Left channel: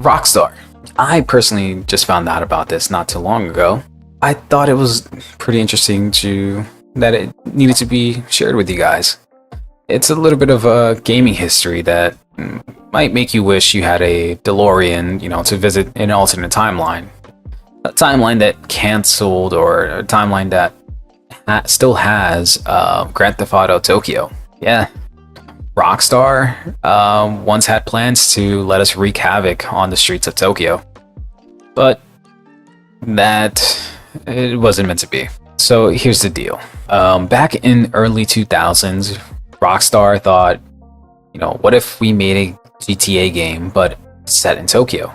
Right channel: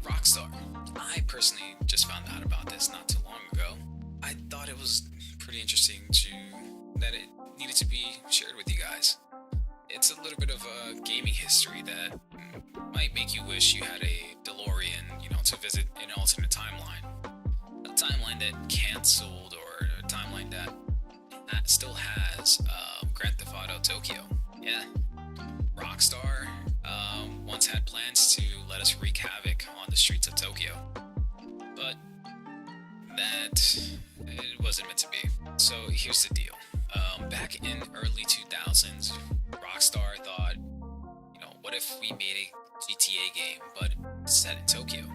Rockstar. I personally just found out about this not too long ago. I thought it was pretty interesting that it needed to be shared with you guys. It's a little bit of a gaming history that might make you wish you had a DeLorean, to visit an alternate timeline. A timeline that canceled or a timeline that still has Grand Theft Auto Tokyo. Yeah, Rockstar once had plans to let us wreak havoc on the streets of Tokyo, but that it wasn't meant to be. So here's the deal. Back in early 2000s, Rockstar thought, what if we made a GTA game but set in Tokyo?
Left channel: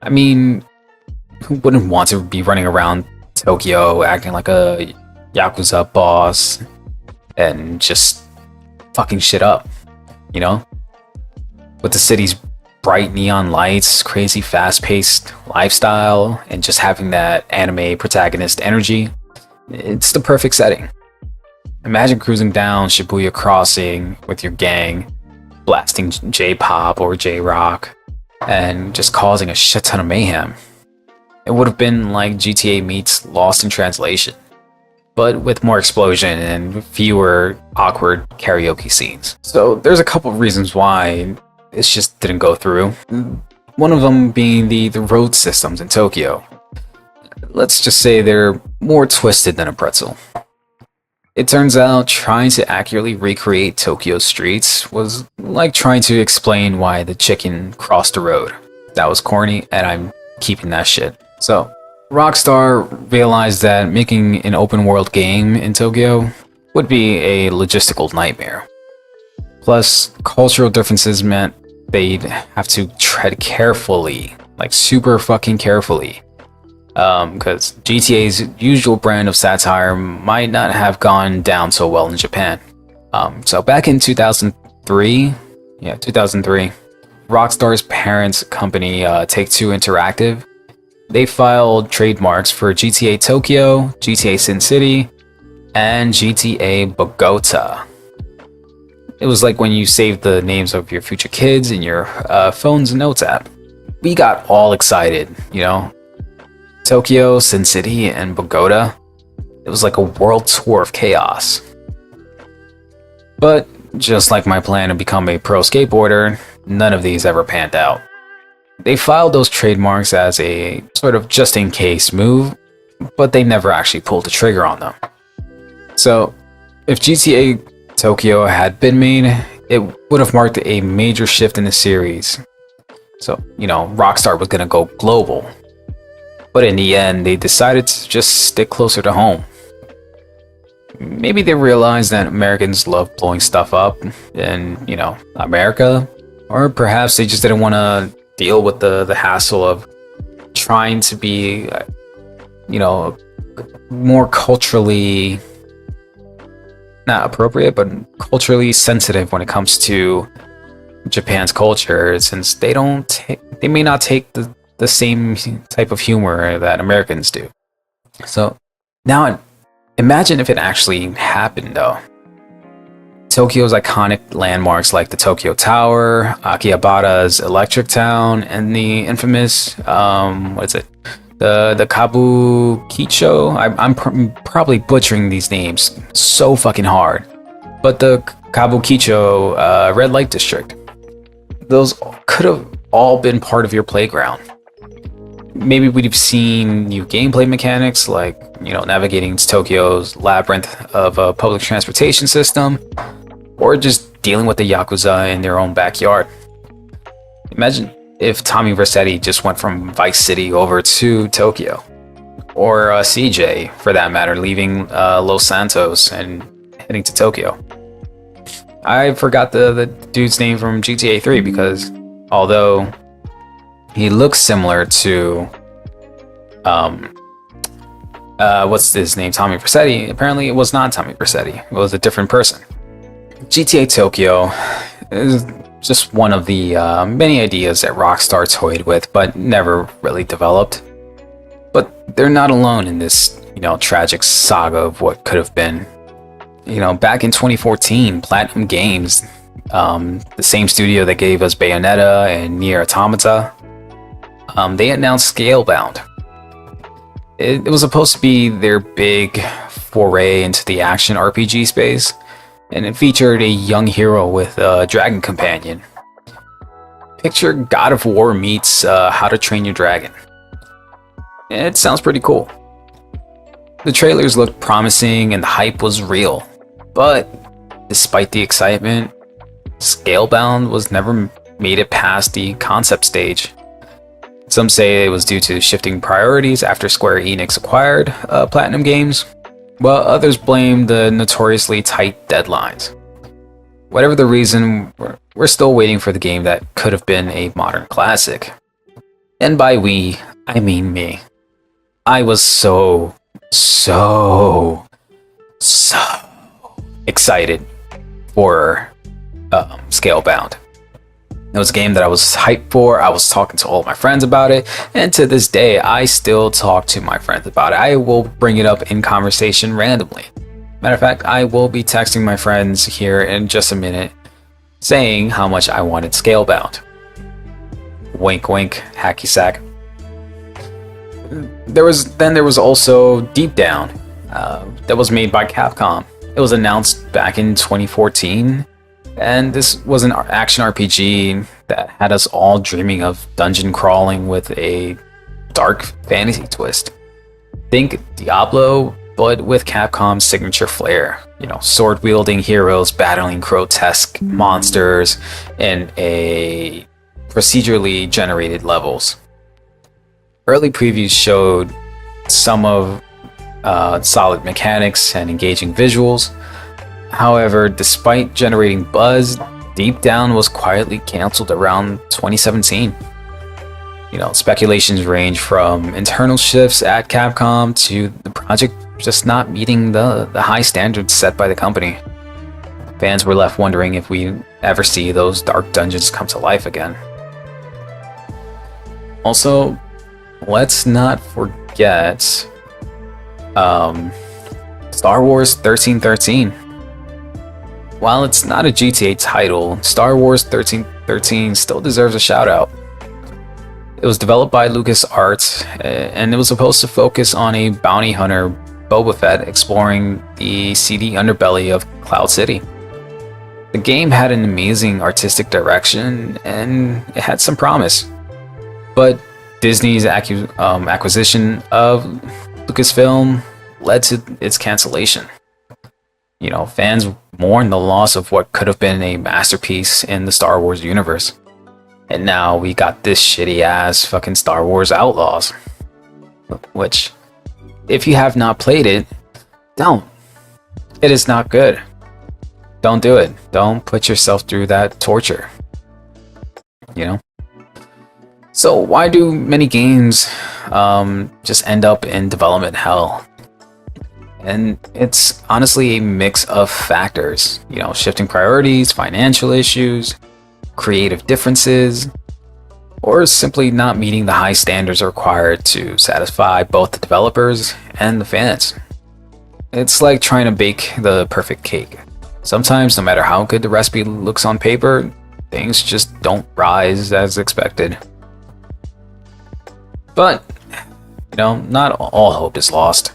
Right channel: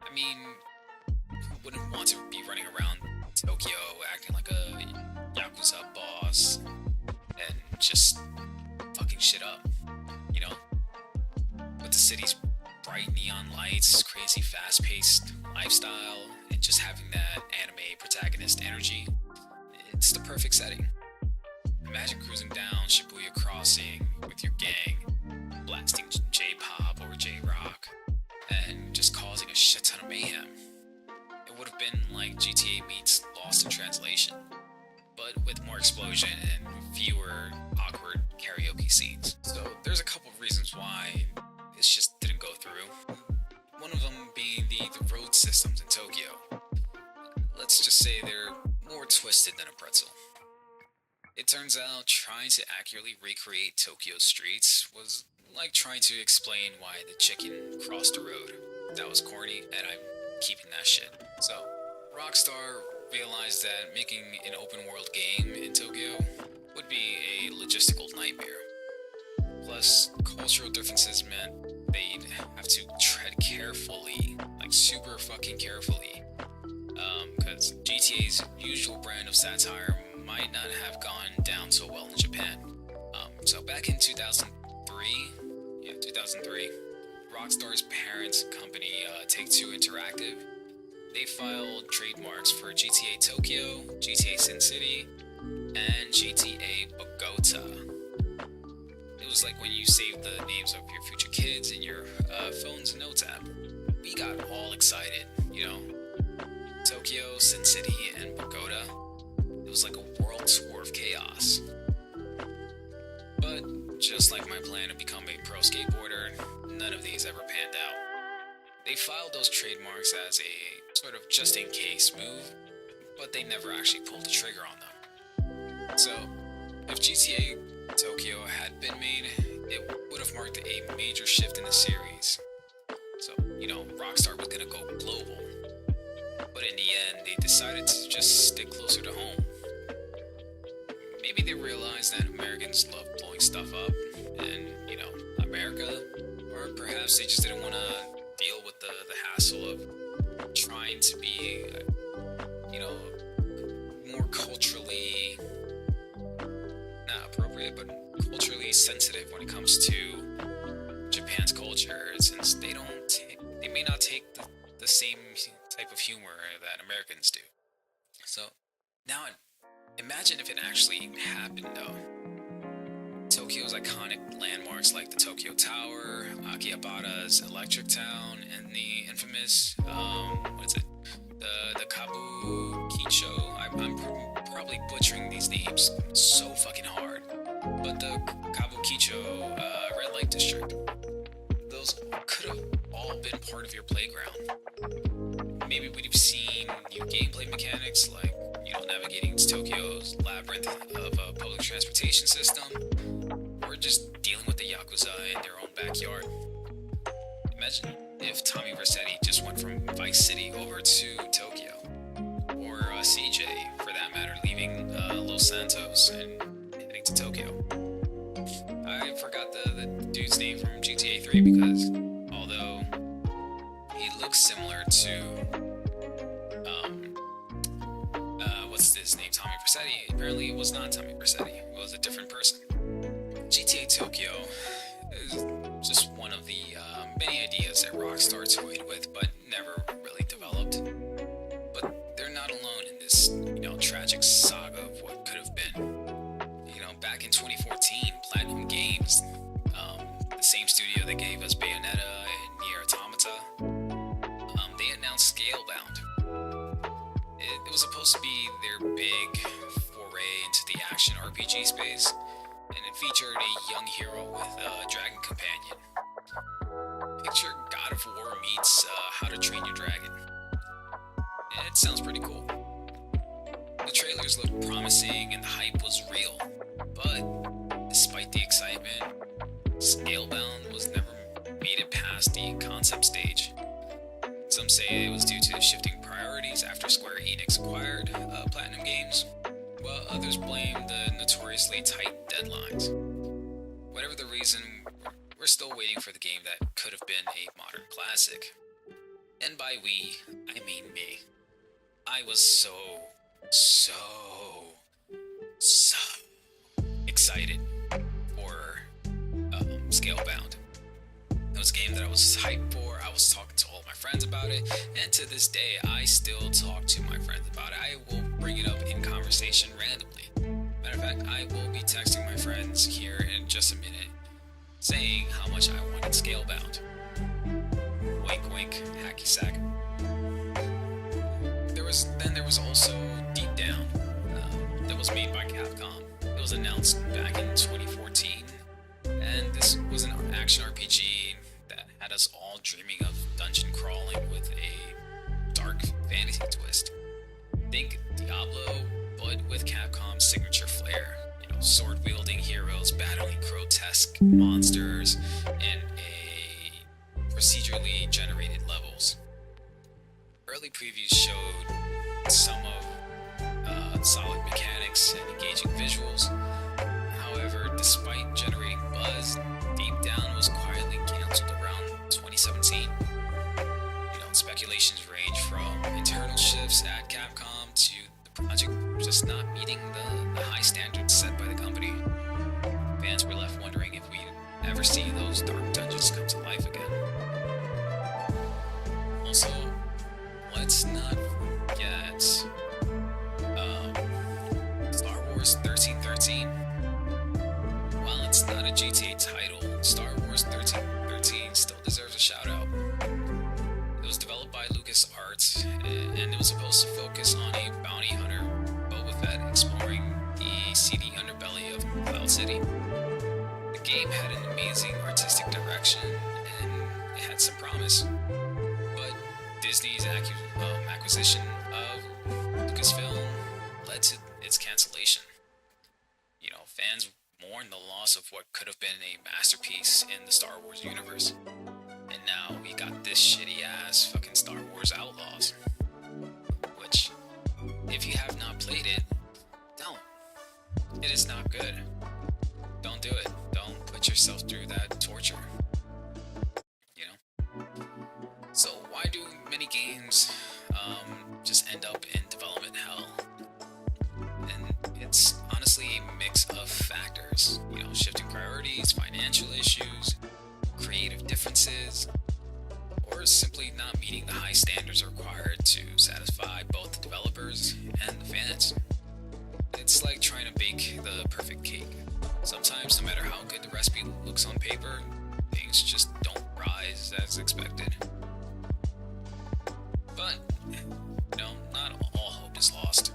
I mean, who wouldn't want to be running around Tokyo acting like a Yakuza boss and just fucking shit up, With the city's bright neon lights, crazy fast-paced lifestyle, and just having that anime protagonist energy, it's the perfect setting. Imagine cruising down Shibuya Crossing with your gang, blasting J-pop or J-rock, and just causing a shit ton of mayhem. It would have been like GTA meets Lost in Translation, but with more explosion and fewer awkward karaoke scenes. So there's a couple of reasons why it just didn't go through. One of them being the road systems in Tokyo. Let's just say they're more twisted than a pretzel. It turns out trying to accurately recreate Tokyo's streets was like trying to explain why the chicken crossed the road. That was corny, and I'm keeping that shit. So, Rockstar realized that making an open world game in Tokyo would be a logistical nightmare. Plus, cultural differences meant they'd have to tread carefully, like super fucking carefully. Because GTA's usual brand of satire might not have gone down so well in Japan. So back in 2003, Rockstar's parent company, Take-Two Interactive, they filed trademarks for GTA Tokyo, GTA Sin City, and GTA Bogota. It was like when you saved the names of your future kids in your phone's notes app. We got all excited, Tokyo, Sin City, and Bogota. It was like a world tour of chaos. But just like my plan to become a pro skateboarder, none of these ever panned out. They filed those trademarks as a sort of just-in-case move, but they never actually pulled the trigger on them. So, if GTA Tokyo had been made, it would have marked a major shift in the series. So, Rockstar was gonna go global. But in the end, they decided to just stick closer to home. Maybe they realized that Americans love blowing stuff up in, America. Or perhaps they just didn't want to deal with the hassle of trying to be, more culturally, not appropriate, but culturally sensitive when it comes to Japan's culture, since they may not take the same type of humor that Americans do. So now imagine if it actually happened though. Tokyo's iconic landmarks like the Tokyo Tower, Akihabara's Electric Town, and the infamous, the Kabukicho. I'm probably butchering these names so fucking hard. But the Kabukicho red light district. Those could have all been part of your playground. Maybe we'd have seen new gameplay mechanics like, navigating Tokyo's labyrinth of a public transportation system, or just dealing with the Yakuza in their own backyard. Imagine if Tommy Vercetti just went from Vice City over to Tokyo, or CJ, for that matter, leaving Los Santos and heading to Tokyo. I forgot the dude's name from GTA 3 because although he looks similar to, what's his name, Tommy Vercetti. Apparently it was not Tommy Vercetti. It was a different person. GTA Tokyo is just one of the many ideas that Rockstar toyed with, but never really developed. But they're not alone in this, tragic saga of what could have been. Back in 2014, Platinum Games, the same studio that gave us Bayonetta and Nier Automata, they announced Scalebound. It was supposed to be their big foray into the action RPG space, and it featured a young hero with a dragon companion. Picture God of War meets How to Train Your Dragon. It sounds pretty cool. The trailers looked promising and the hype was real, but despite the excitement, Scalebound was never made it past the concept stage. Some say it was due to shifting priorities after Square Enix acquired Platinum Games, while others blame the notoriously tight deadlines. Whatever the reason, we're still waiting for the game that could have been a modern classic. And by we, I mean me. I was so excited for Scalebound. It was a game that I was hyped for. I was talking to all my friends about it, and to this day, I still talk to my friends about it. I will bring it up in conversation randomly. Matter of fact, I will be texting my friends here in just a minute, saying how much I wanted Scalebound. Wink, wink, hacky sack. There was also Deep Down, that was made by Capcom. It was announced back in 2014. And this was an action RPG that had us all dreaming of dungeon crawling with a dark fantasy twist. Think Diablo, but with Capcom's signature flair. You know, sword-wielding heroes battling grotesque monsters in a procedurally generated levels. Early previews showed some of solid mechanics and engaging visuals. However, despite generating buzz, Deep Down was quietly cancelled around 2017. You know, speculations range from internal shifts at Capcom to the project just not meeting the high standards set by the company. Fans were left wondering if we ever see those dark dungeons come to life again. Also, let's not forget Star Wars 1313. While it's not a GTA title, Star Wars 1313 still deserves a shout out. It was developed by LucasArts, and it was supposed to focus on a bounty hunter, Boba Fett, exploring the seedy underbelly of Cloud City. The game had an amazing artistic direction, and it had some promise. But Disney's acquisition of Lucasfilm led to its cancellation. You know, fans mourn the loss of what could have been a masterpiece in the Star Wars universe. And now we got this shitty ass fucking Star Wars Outlaws. Which, if you have not played it, don't. It is not good. Don't do it. Don't put yourself through that torture. You know? So why do many games just end up in development hell? And it's honestly a mix of factors, you know, shifting priorities, financial issues, creative differences, or simply not meeting the high standards required to satisfy both the developers and the fans. It's like trying to bake the perfect cake. Sometimes, no matter how good the recipe looks on paper, things just don't rise as expected. But, you know, not all hope is lost.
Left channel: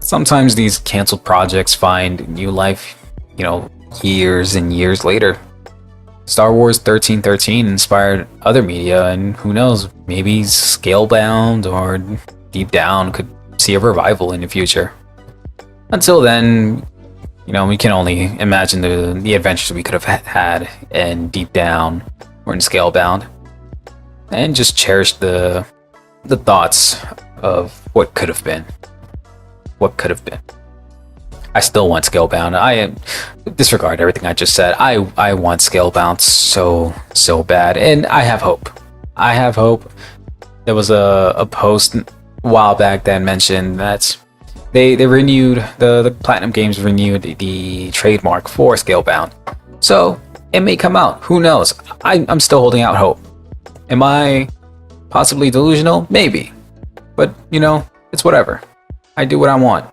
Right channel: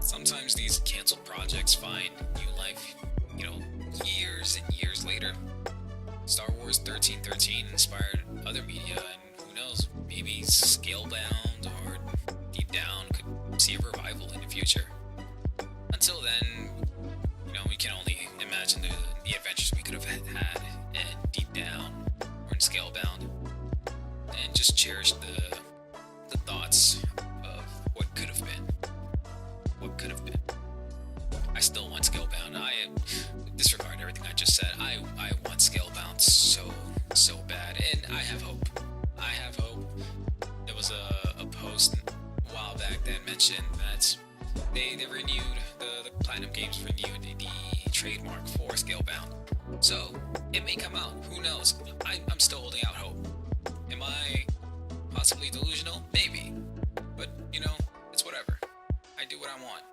Sometimes these canceled projects find new life, you know, years and years later. Star Wars 1313 inspired other media, and who knows, maybe Scalebound or Deep Down could see a revival in the future. Until then, you know, we can only imagine the adventures we could have had in Deep Down or in Scalebound, and just cherish the thoughts of what could have been. What could have been. I still want Scalebound. I disregard everything I just said. I want Scalebound so bad, and I have hope. I have hope. There was a post a while back that mentioned that they renewed the Platinum Games renewed the trademark for Scalebound, so it may come out. Who knows? I'm still holding out hope. Am I possibly delusional? Maybe, but you know, it's whatever. I do what I want.